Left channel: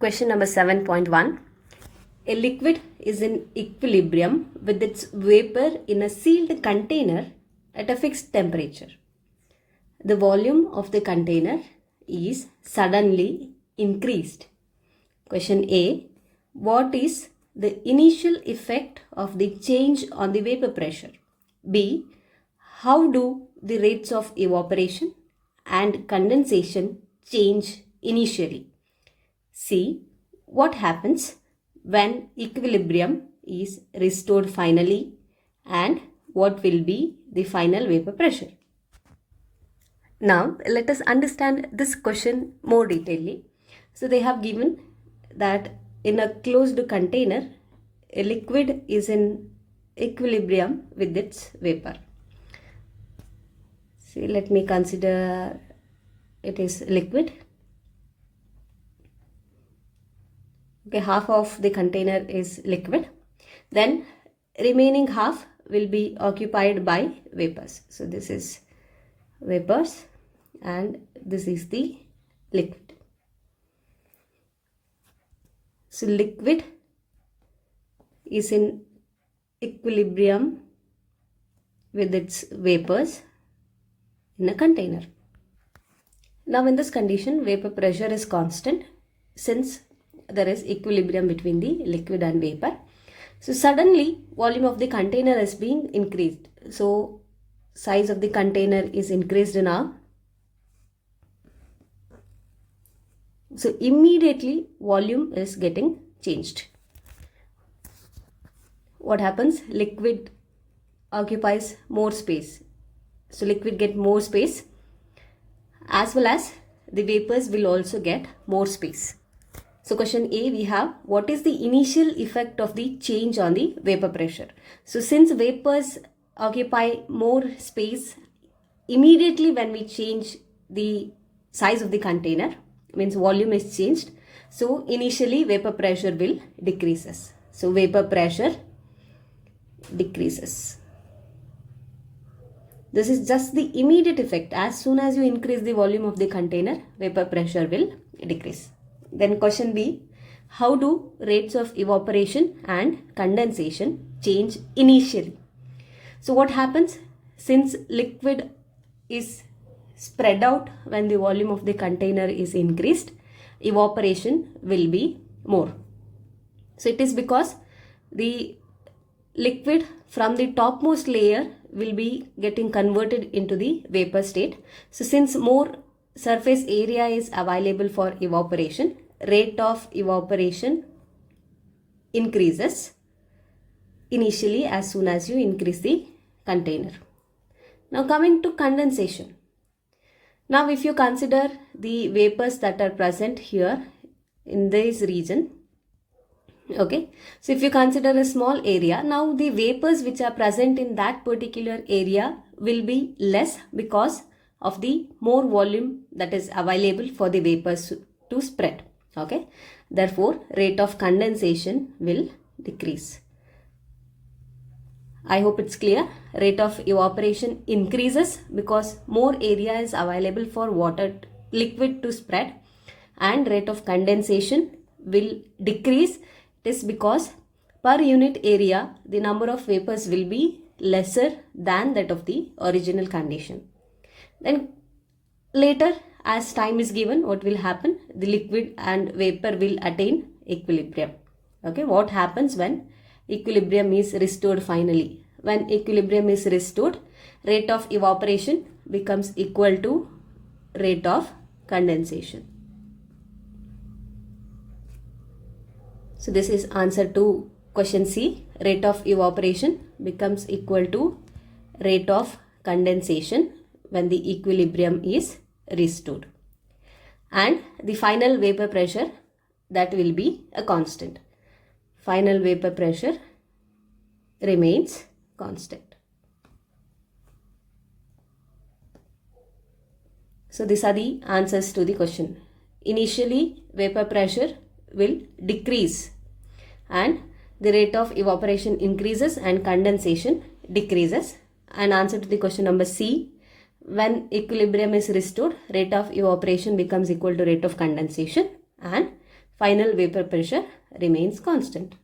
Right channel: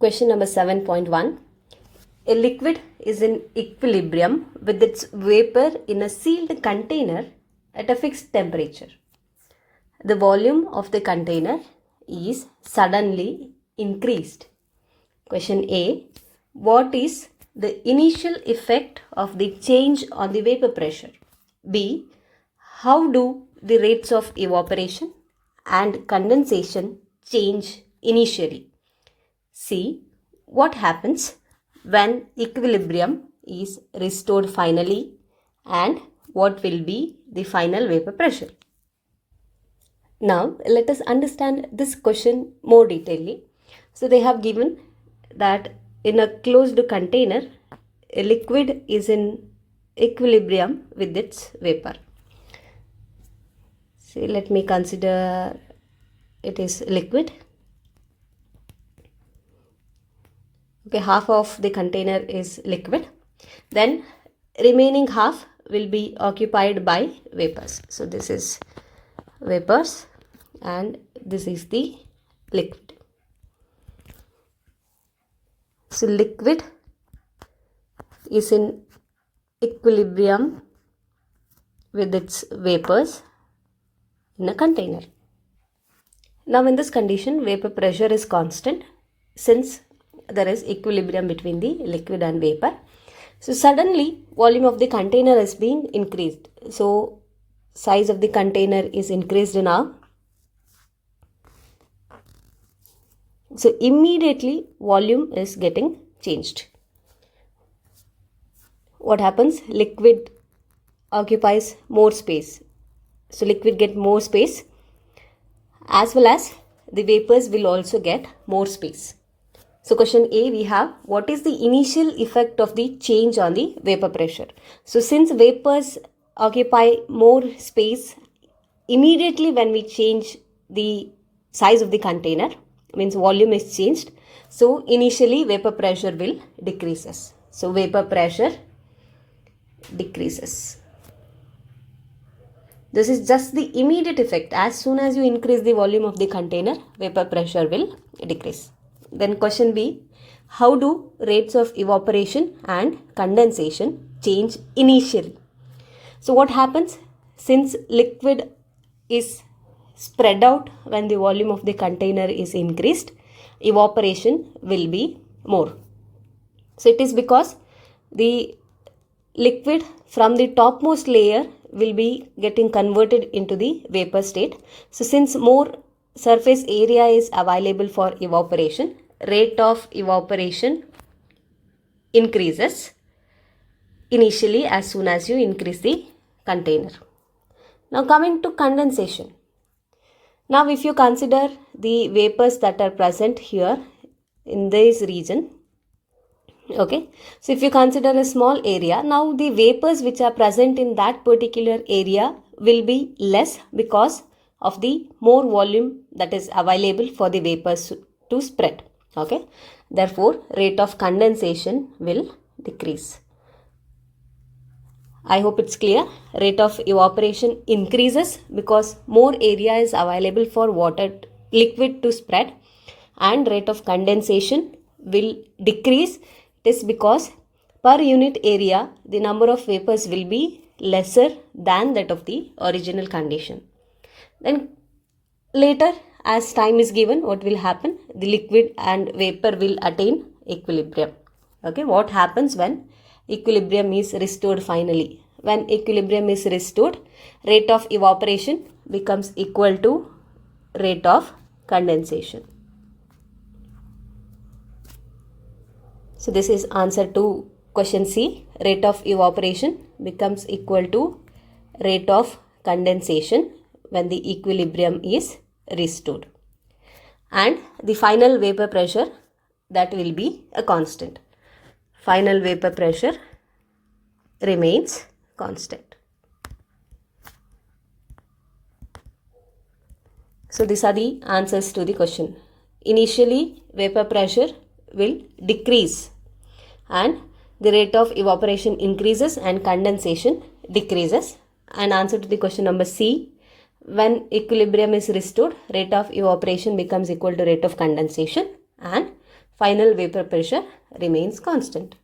Question number 7.1. A liquid is in equilibrium with its vapor in a sealed container at a fixed temperature. The volume of the container is suddenly increased. Question A. What is the initial effect of the change on the vapor pressure? B. How do the rates of evaporation and condensation change initially? C. What happens when equilibrium is restored finally, and what will be the final vapor pressure? Now let us understand this question more detailedly. So they have given that in a closed container, a liquid is in equilibrium with its vapor. So let me consider it is liquid. Okay, half of the container is liquid. Then remaining half will be occupied by vapors. So this is vapors and this is the liquid. So liquid is in equilibrium with its vapors in a container. Now in this condition, vapor pressure is constant since there is equilibrium between the liquid and vapor. So suddenly volume of the container is being increased. So size of the container is increased now. So immediately volume is getting changed. What happens? Liquid occupies more space. So liquid get more space, as well as the vapors will also get more space. So question A, we have what is the initial effect of the change on the vapor pressure? So since vapors occupy more space, immediately when we change the size of the container, means volume is changed. So initially vapor pressure will decreases. So vapor pressure decreases. This is just the immediate effect. As soon as you increase the volume of the container, vapor pressure will decrease. Then question B, how do rates of evaporation and condensation change initially? So what happens? Since liquid is spread out when the volume of the container is increased, evaporation will be more. So it is because the liquid from the topmost layer will be getting converted into the vapor state. So since more surface area is available for evaporation, rate of evaporation increases initially as soon as you increase the container. Now coming to condensation. Now if you consider the vapors that are present here in this region, okay, so if you consider a small area, now the vapors which are present in that particular area will be less because of the more volume that is available for the vapors to spread. Okay, therefore rate of condensation will decrease. I hope it's clear. Rate of evaporation increases because more area is available for liquid to spread, and rate of condensation will decrease. It is because per unit area the number of vapors will be lesser than that of the original condition. Then later, as time is given, what will happen? The liquid and vapor will attain equilibrium. Okay, what happens when equilibrium is restored finally? When equilibrium is restored, rate of evaporation becomes equal to rate of condensation. So this is answer to question C. Rate of evaporation becomes equal to rate of condensation when the equilibrium is restored. And the final vapor pressure, that will be a constant. Final vapor pressure remains constant. So these are the answers to the question. Initially vapor pressure will decrease and the rate of evaporation increases and condensation decreases. And answer to the question number C, when equilibrium is restored, rate of evaporation becomes equal to rate of condensation, and final vapor pressure remains constant.